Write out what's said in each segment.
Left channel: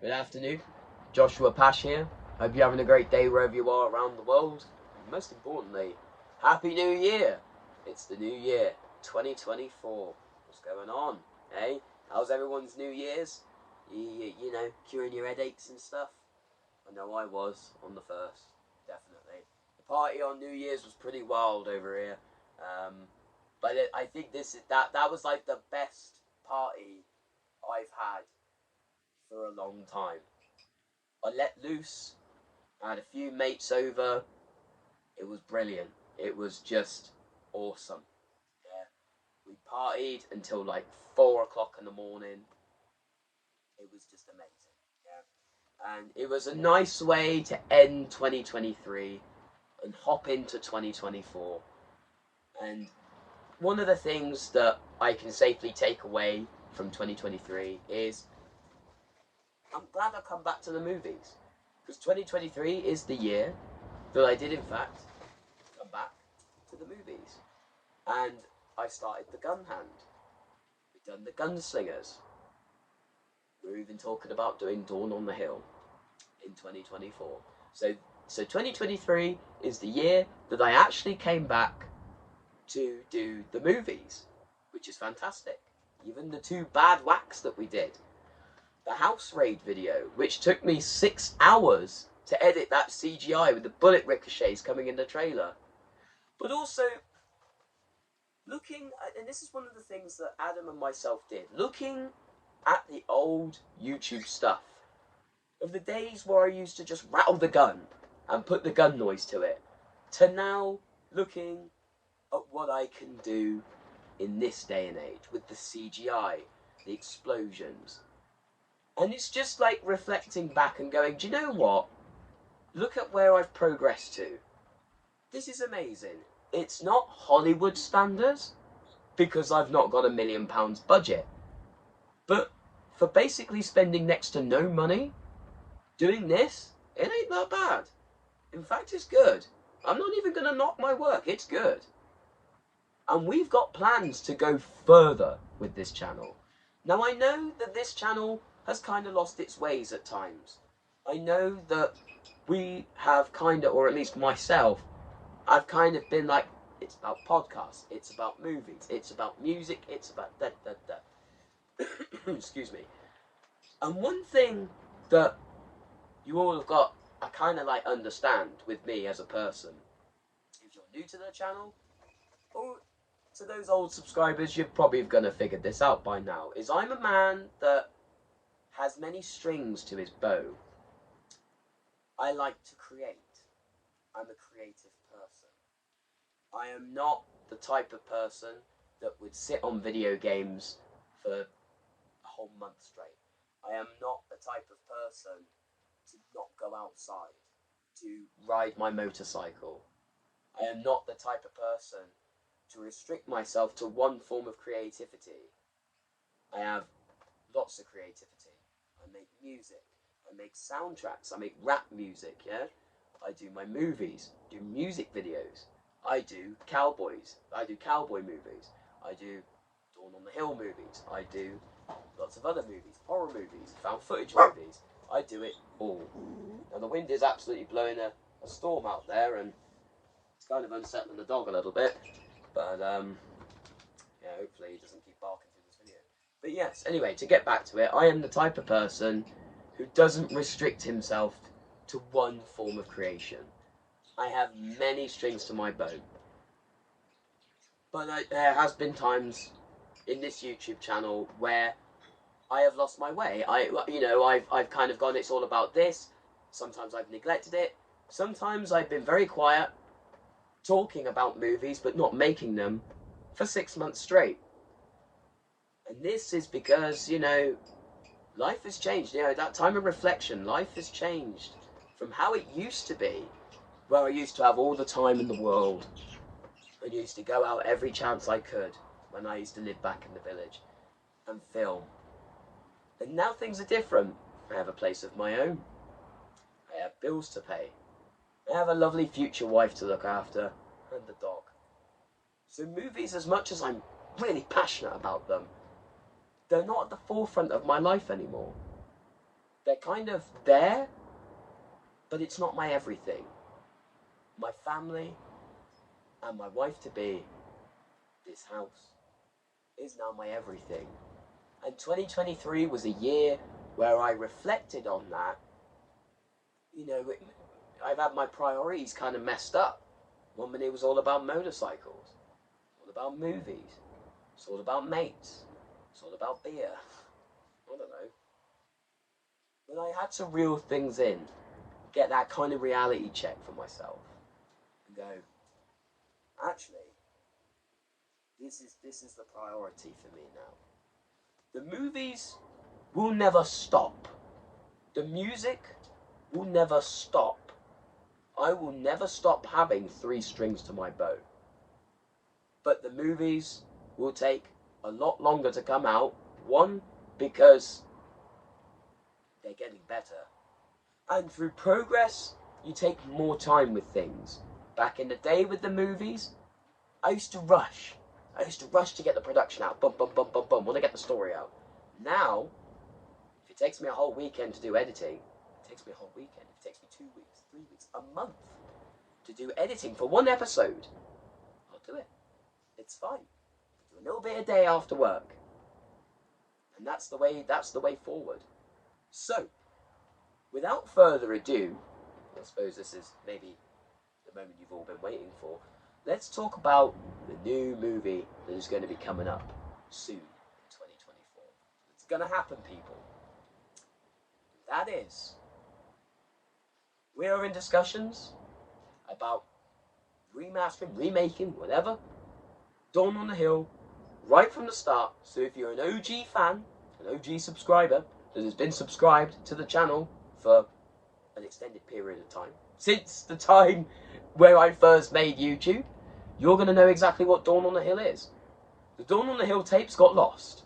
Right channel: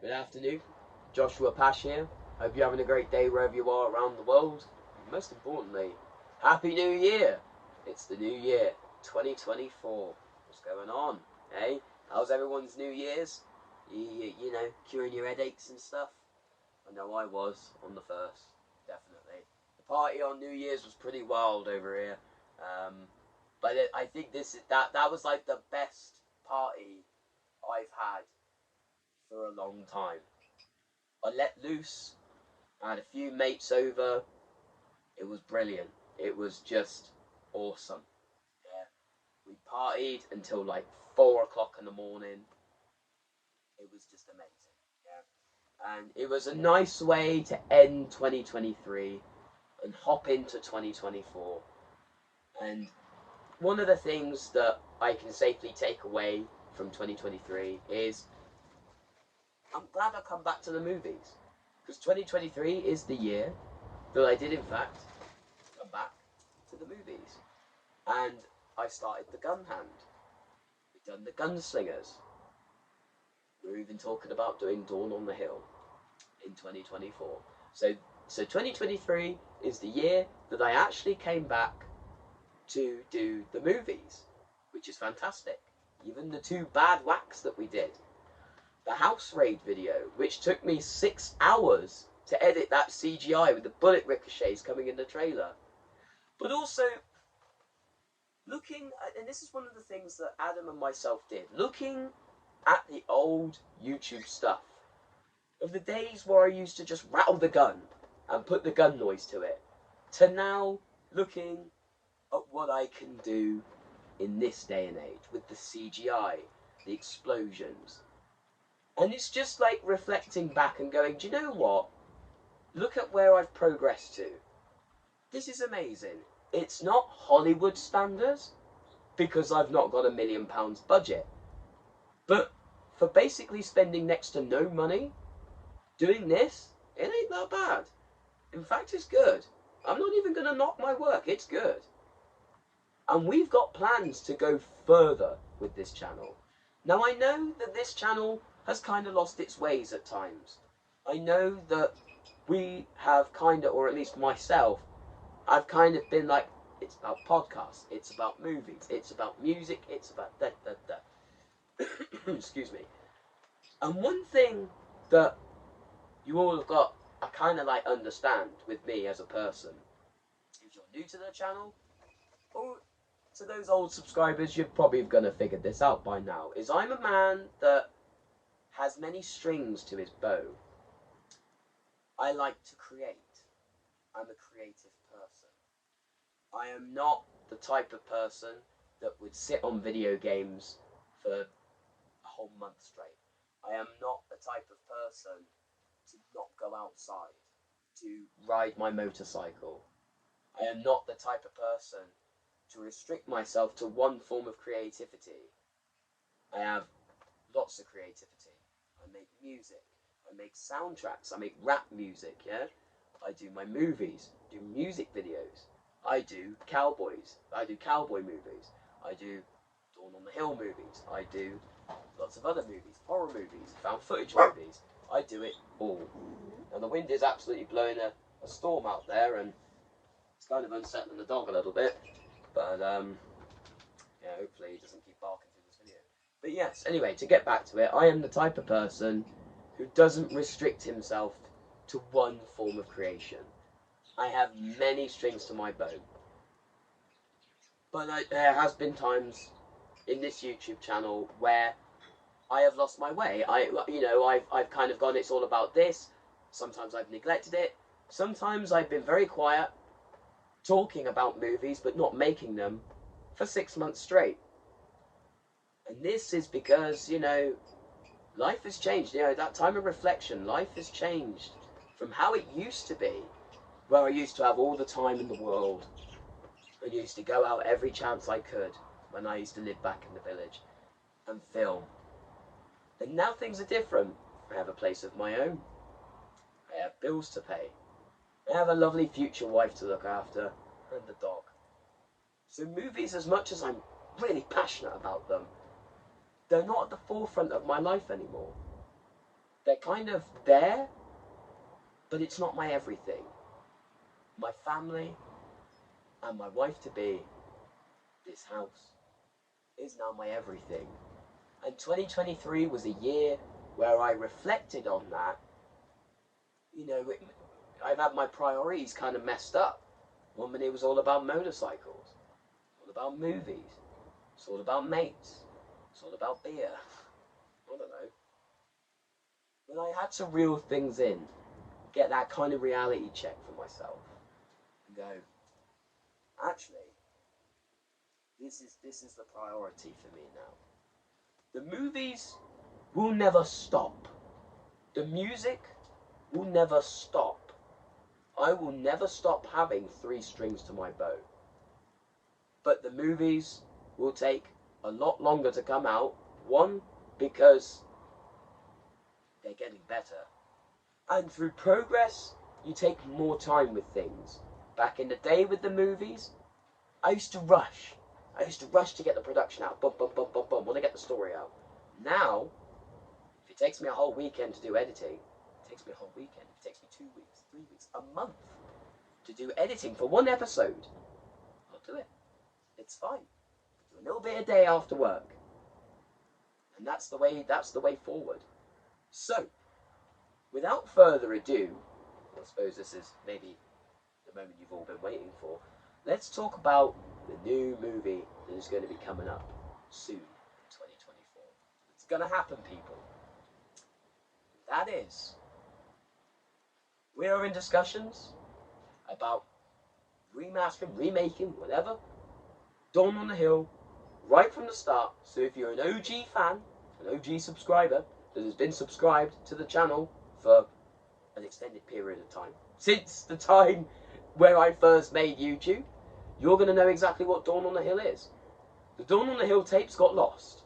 Good afternoon, Joshua Pash here. Hope you're having a great day wherever you are around the world. And most importantly, Happy New Year! It's the new year, 2024. What's going on? Hey, how's everyone's New Year's? You know, curing your headaches and stuff? I know I was on the first, definitely. The party on New Year's was pretty wild over here. I think that was like the best party I've had for a long time. I let loose. I had a few mates over. It was brilliant. It was just awesome. Yeah, we partied until like 4 o'clock in the morning. It was just amazing. Yeah, and it was a nice way to end 2023 and hop into 2024. And one of the things that I can safely take away from 2023 is I'm glad I come back to the movies, because 2023 is the year that I did in fact come back to the movies. And I started The Gun Hand. We've done The Gunslingers. We're even talking about doing Dawn on the Hill in 2024. So 2023 is the year that I actually came back to do the movies, which is fantastic. Even the two bad whacks that we did. The house raid video, which took me 6 hours to edit that CGI with the bullet ricochets coming in the trailer. But also, looking at, and this is one of the things that Adam and myself did, looking at the old YouTube stuff of the days where I used to just rattle the gun and put the gun noise to it, to now looking at what I can do in this day and age with the CGI, the explosions. And it's just like reflecting back and going, do you know what? Look at where I've progressed to. This is amazing. It's not Hollywood standards, because I've not got £1 million budget. But for basically spending next to no money, doing this, it ain't that bad. In fact, it's good. I'm not even going to knock my work. It's good. And we've got plans to go further with this channel. Now, I know that this channel has kind of lost its ways at times. I know that we have kind of, or at least myself, I've kind of been like, it's about podcasts, it's about movies, it's about music, it's about da. Excuse me. And one thing that you all have got, I kind of like understand with me as a person, if you're new to the channel, or to those old subscribers, you're probably going to figure this out by now, is I'm a man that has many strings to his bow. I like to create. I'm a creative person. I am not the type of person that would sit on video games for a whole month straight. I am not the type of person to not go outside, to ride my motorcycle. I am not the type of person to restrict myself to one form of creativity. I have lots of creativity. I make music. I make soundtracks. I make rap music, yeah? I do my movies, do music videos. I do cowboys. I do cowboy movies. I do Dawn on the Hill movies. I do lots of other movies, horror movies, found footage movies. I do it all. And the wind is absolutely blowing a storm out there, and it's kind of unsettling the dog a little bit. But yeah, hopefully he doesn't keep barking through this video. But yes, anyway, to get back to it, I am the type of person who doesn't restrict himself to one form of creation. I have many strings to my bow. But there has been times in this YouTube channel where I have lost my way. I've kind of gone, it's all about this. Sometimes I've neglected it. Sometimes I've been very quiet, talking about movies but not making them for 6 months straight. And this is because, life has changed. That time of reflection, life has changed from how it used to be, where I used to have all the time in the world. I used to go out every chance I could when I used to live back in the village and film. And now things are different. I have a place of my own. I have bills to pay. I have a lovely future wife to look after, and the dog. So movies, as much as I'm really passionate about them, they're not at the forefront of my life anymore. they're kind of there, but it's not my everything. My family and my wife-to-be, this house, is now my everything. And 2023 was a year where I reflected on that. You know, I've had my priorities kind of messed up. One minute it was all about motorcycles, all about movies, it's all about mates, it's all about beer. I don't know. But I had to reel things in, get that kind of reality check for myself, and go, actually, this is the priority for me now. The movies will never stop. The music will never stop. I will never stop having 3 strings to my bow. But the movies will take a lot longer to come out. One, because they're getting better. And through progress, you take more time with things. Back in the day with the movies, I used to rush. I used to rush to get the production out. Bum, bum, bum, bum, bum. Want to get the story out. Now, if it takes me a whole weekend to do editing, it takes me a whole weekend. If it takes me 2 weeks, 3 weeks, a month to do editing for 1 episode, I'll do it. It's fine. Do a little bit a day after work. And that's the way forward. So, without further ado, I suppose this is maybe the moment you've all been waiting for. Let's talk about the new movie that is going to be coming up soon in 2024. It's going to happen, people. That is, we are in discussions about remastering, remaking, whatever, Dawn on the Hill, right from the start. So if you're an OG fan, an OG subscriber, that has been subscribed to the channel for an extended period of time, since the time where I first made YouTube, you're going to know exactly what Dawn on the Hill is. The Dawn on the Hill tapes got lost.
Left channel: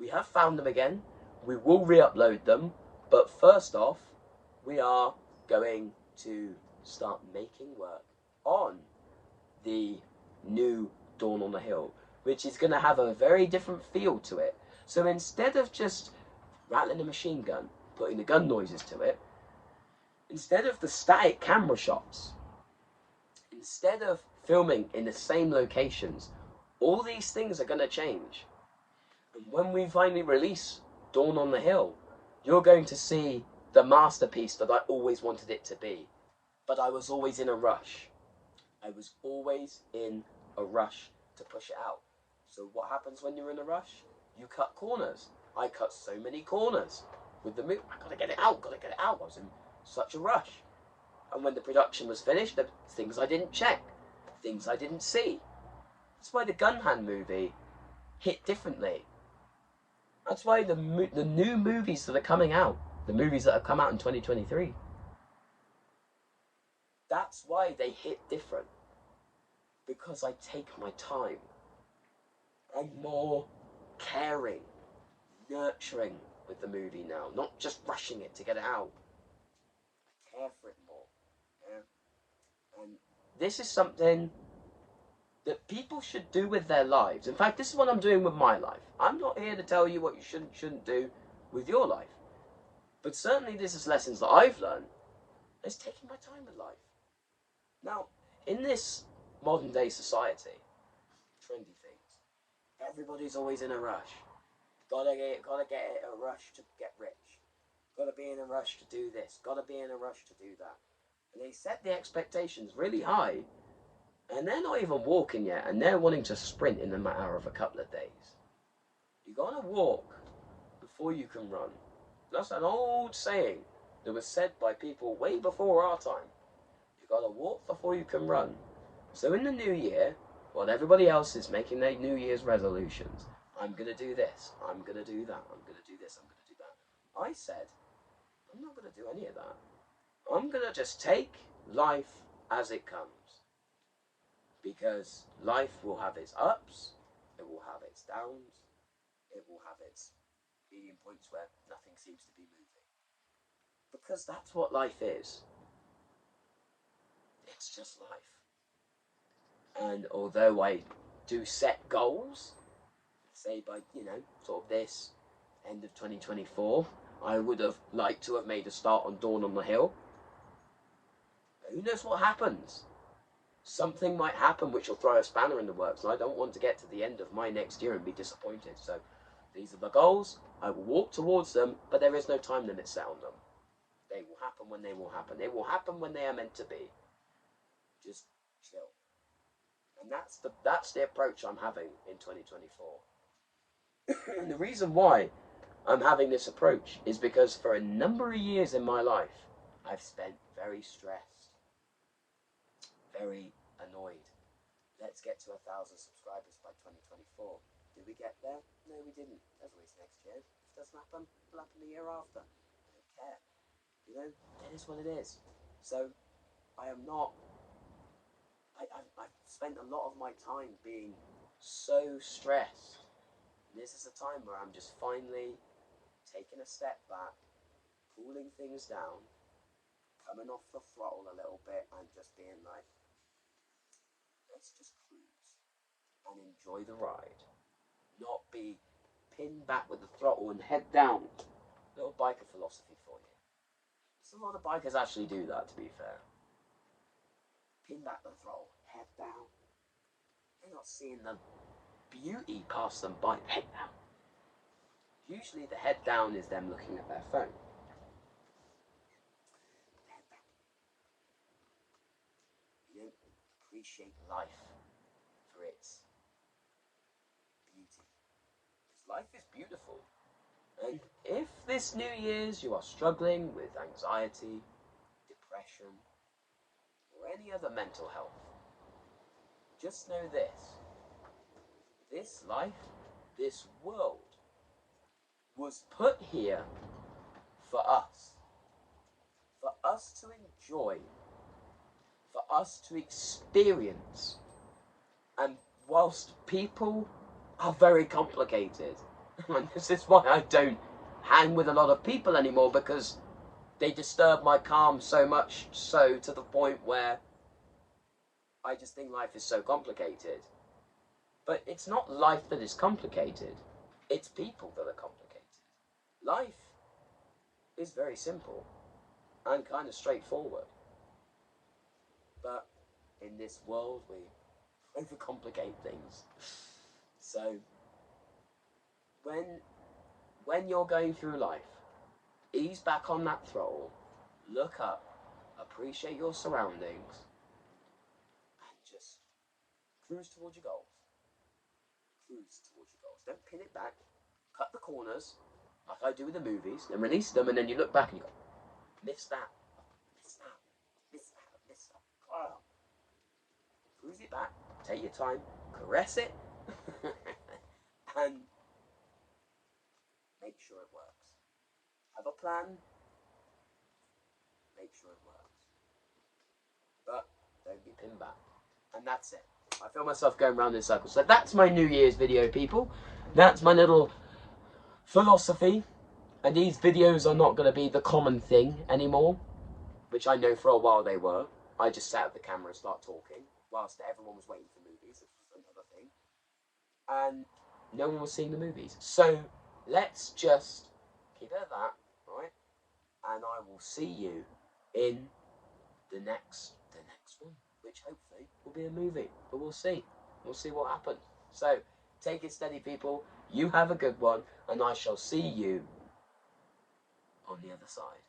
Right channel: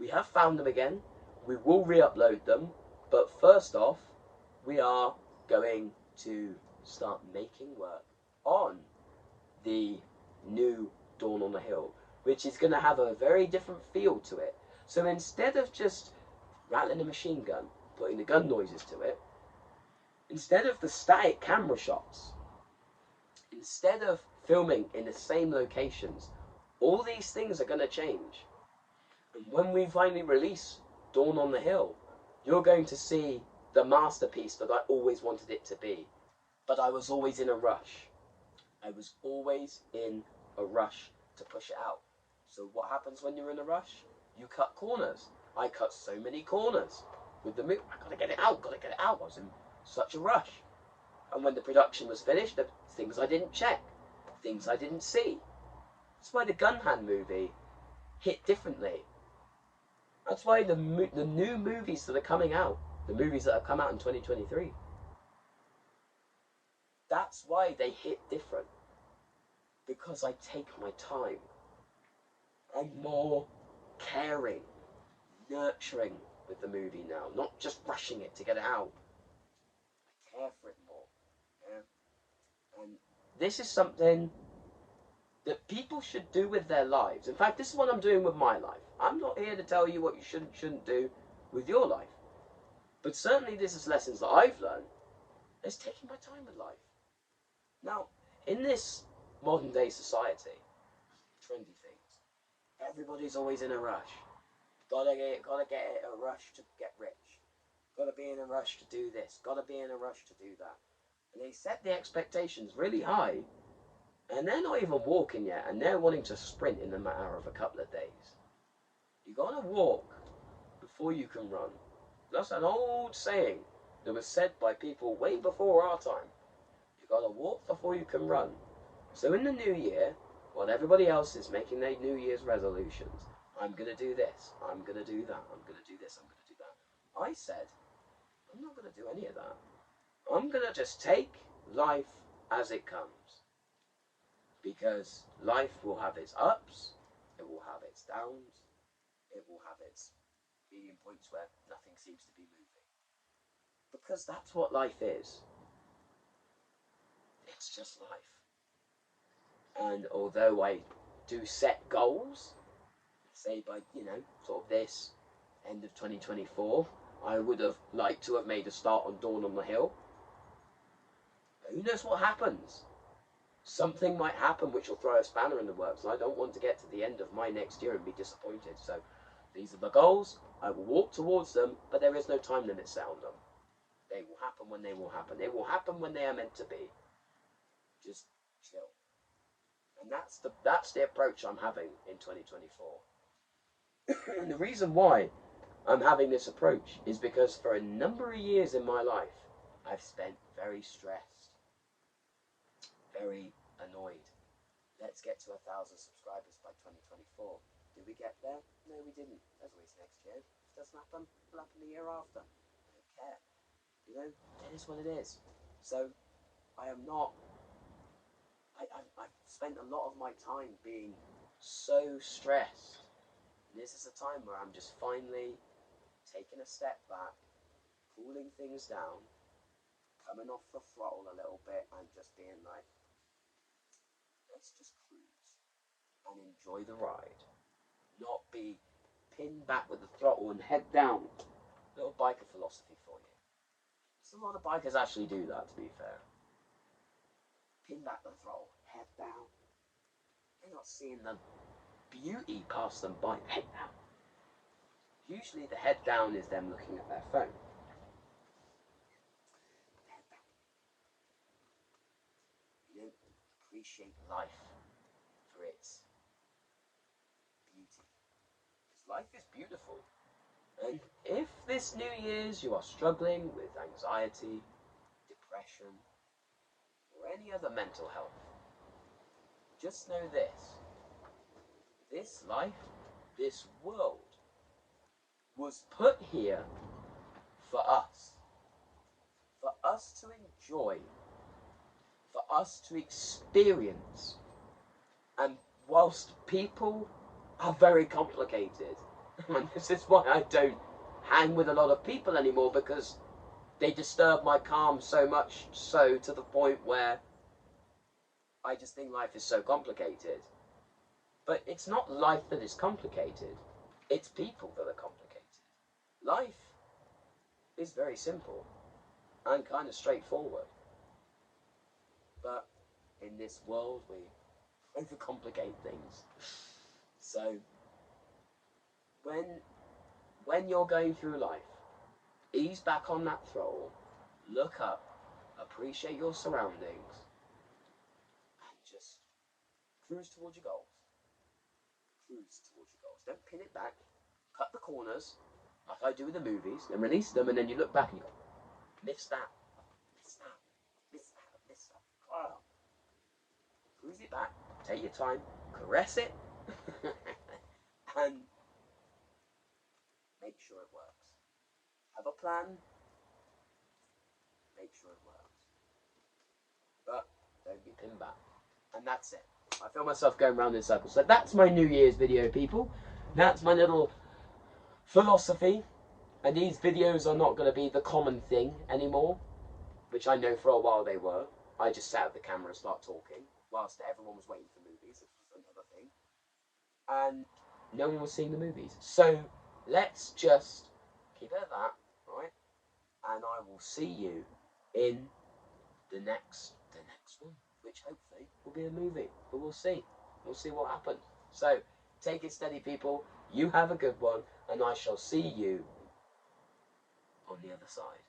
We have found them again. We will re-upload them. But first off, we are going to start making work on the new Dawn on the Hill, which is going to have a very different feel to it. So instead of just rattling a machine gun, putting the gun noises to it, instead of the static camera shots, instead of filming in the same locations, all these things are going to change. And when we finally release Dawn on the Hill, you're going to see the masterpiece that I always wanted it to be. But I was always in a rush. I was always in a rush to push it out. So what happens when you're in a rush? You cut corners. I cut so many corners with the movie. I gotta get it out, gotta get it out. I was in such a rush. And when the production was finished, there were things I didn't check, things I didn't see. That's why the Gunhand movie hit differently. That's why the new movies that are coming out, the movies that have come out in 2023, that's why they hit different. Because I take my time. I'm more caring, nurturing with the movie now, not just rushing it to get it out. I care for it more. Yeah? And this is something that people should do with their lives. In fact, this is what I'm doing with my life. I'm not here to tell you what you shouldn't do with your life. But certainly this is lessons that I've learned. It's taking my time with life. Now, in this modern day society, trendy things, everybody's always in a rush. Gotta get in a rush to get rich. Gotta be in a rush to do this. Gotta be in a rush to do that. And they set the expectations really high, and they're not even walking yet, and they're wanting to sprint in the matter of a couple of days. You gotta walk before you can run. That's an old saying that was said by people way before our time. You gotta walk before you can run. So in the new year, while everybody else is making their New Year's resolutions, I'm gonna do this, I'm gonna do that, I'm gonna do this, I'm gonna do that. I said, I'm not gonna do any of that. I'm gonna just take life as it comes. Because life will have its ups, it will have its downs, it will have its medium points where nothing seems to be moving. Because that's what life is. It's just life. And although I do set goals, say by, sort of this end of 2024, I would have liked to have made a start on Dawn on the Hill. Who knows what happens? Something might happen which will throw a spanner in the works, and I don't want to get to the end of my next year and be disappointed. So these are the goals. I will walk towards them, but there is no time limit set on them. They will happen when they will happen. They will happen when they are meant to be. Just chill. And that's the approach I'm having in 2024. And the reason why I'm having this approach is because for a number of years in my life, I've spent very stressed, very annoyed. Let's get to 1,000 subscribers by 2024. Did we get there? No, we didn't. There's always next year. If it doesn't happen, it'll happen the year after. I don't care. You know, it is what it is. So, I am not... I've spent a lot of my time being so stressed. And this is a time where I'm just finally taking a step back, cooling things down, coming off the throttle a little bit, and just being like, let's just cruise and enjoy the ride. Not be pinned back with the throttle and head down. Little biker philosophy for you. So a lot of bikers actually do that, to be fair. Pin back the throttle, head down. They're not seeing the beauty pass them by. Head down. Usually the head down is them looking at their phone. Head down. You don't appreciate life for its beauty. Because life is beautiful. And if this New Year's you are struggling with anxiety, depression, or any other mental health, just know this. This life, this world, was put here for us to enjoy, for us to experience. And whilst people are very complicated, and this is why I don't hang with a lot of people anymore, because they disturb my calm so much, so to the point where I just think life is so complicated. But it's not life that is complicated, it's people that are complicated. Life is very simple and kind of straightforward. But in this world, we overcomplicate things. So, when you're going through life, ease back on that throttle, look up, appreciate your surroundings, and just cruise towards your goals. Cruise towards your goals. Don't pin it back, cut the corners, like I do with the movies, and release them, and then you look back and you go, missed that, missed that, missed that, missed that. Oh. Cruise it back, take your time, caress it, and make sure it works. Have a plan, make sure it works. But don't be pinned back. And that's it. I feel myself going round in circles. So that's my New Year's video, people. That's my little philosophy. And these videos are not going to be the common thing anymore, which I know for a while they were. I just sat at the camera and started talking whilst everyone was waiting for movies. It was another thing. And no one was seeing the movies. So let's just keep it at that, right? And I will see you in the next one, which hopefully will be a movie. But we'll see. We'll see what happens. So take it steady, people. You have a good one, and I shall see you on the other side.